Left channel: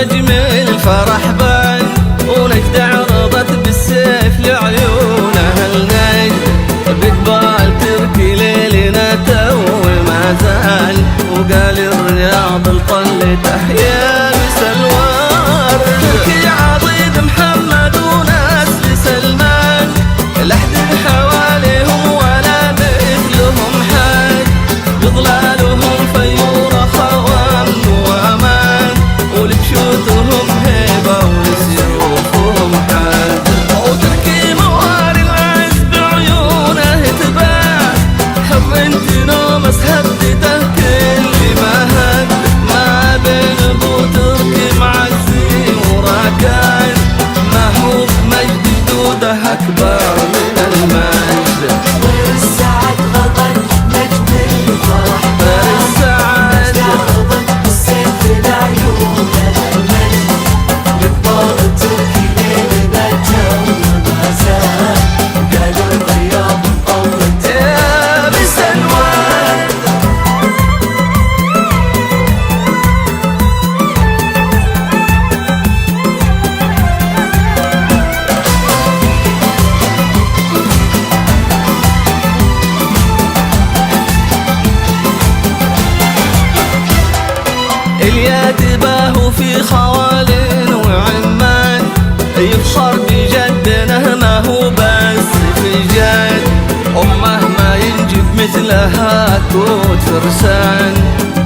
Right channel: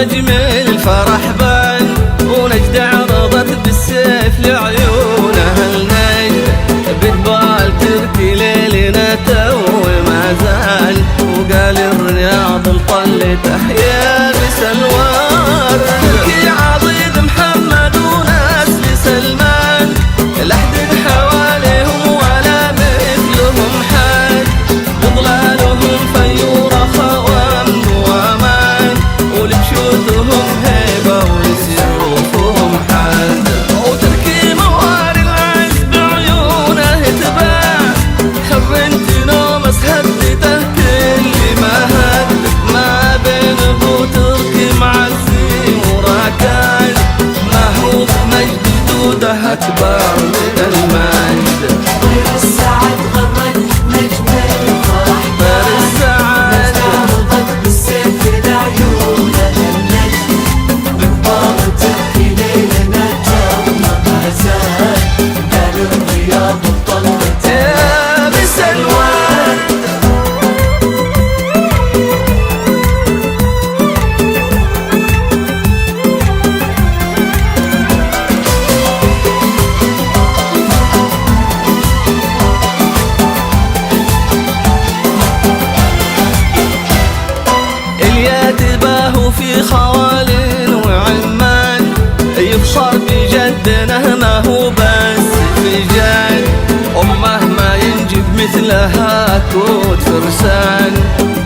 نجم الفرح بان، ونجد عرضت بالسيف لعيون أهل نجد، بقبال تركي ليلنا تو ما زال، وقال الرياض لطلته يا بسلوار. تركي عضيد محمد ونسل سلمان، لحد حواليهم ولا مثلهم حد، بظلالهم فيورة خوان وامان، ولبشوتهم هيبة ولسيوفهم حد. وتركي مواري العز بعيونه تباع، حرنت نومس هدته كل ما هد، ما بين ابو تركي معزي وراكان، ما هو بمجد جدوده اكبر من المجد. طير السعد يا بس الورد. الياتباه في خوال وعمان، يفخر بجدنا ما هو بس في جد، أمه ما ينجب مثلها كود فرسان،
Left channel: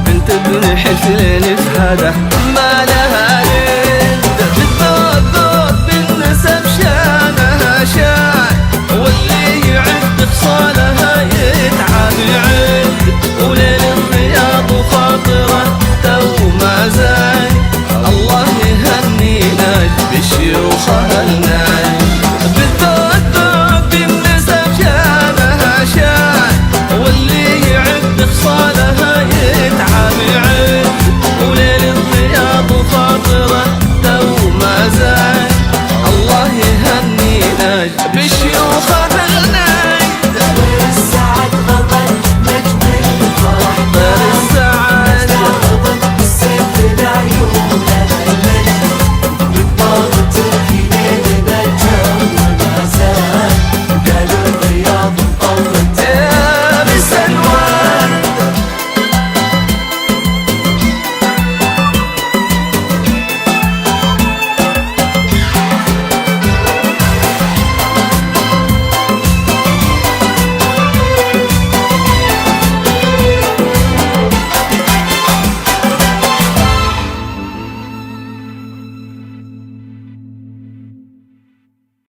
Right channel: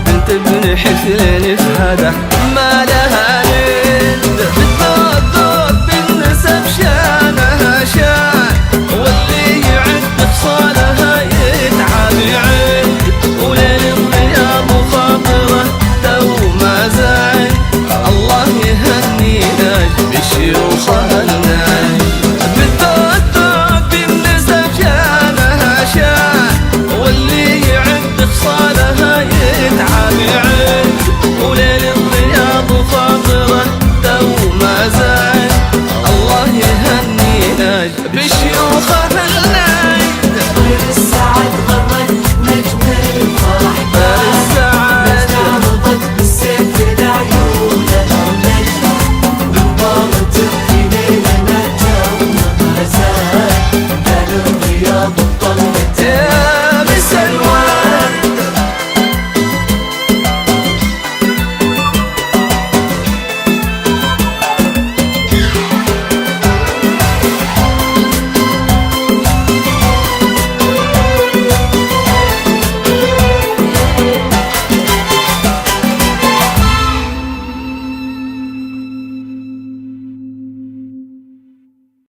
بنت ابن حسين فهده ما لها ند، بالذوق ذوق بالنسب شانها شان، واللي يعد خصالها يتعب يعد، وليل الرياض وخاطره تو ما زال، الله يهني نجد بالشيوخ النجد، بالذوق ذوق بالنسب شانها شان، واللي يعد خصالها يتعب يعد، وليل الرياض وخاطره تو ما زال، الله يهني نجد بالشيوخ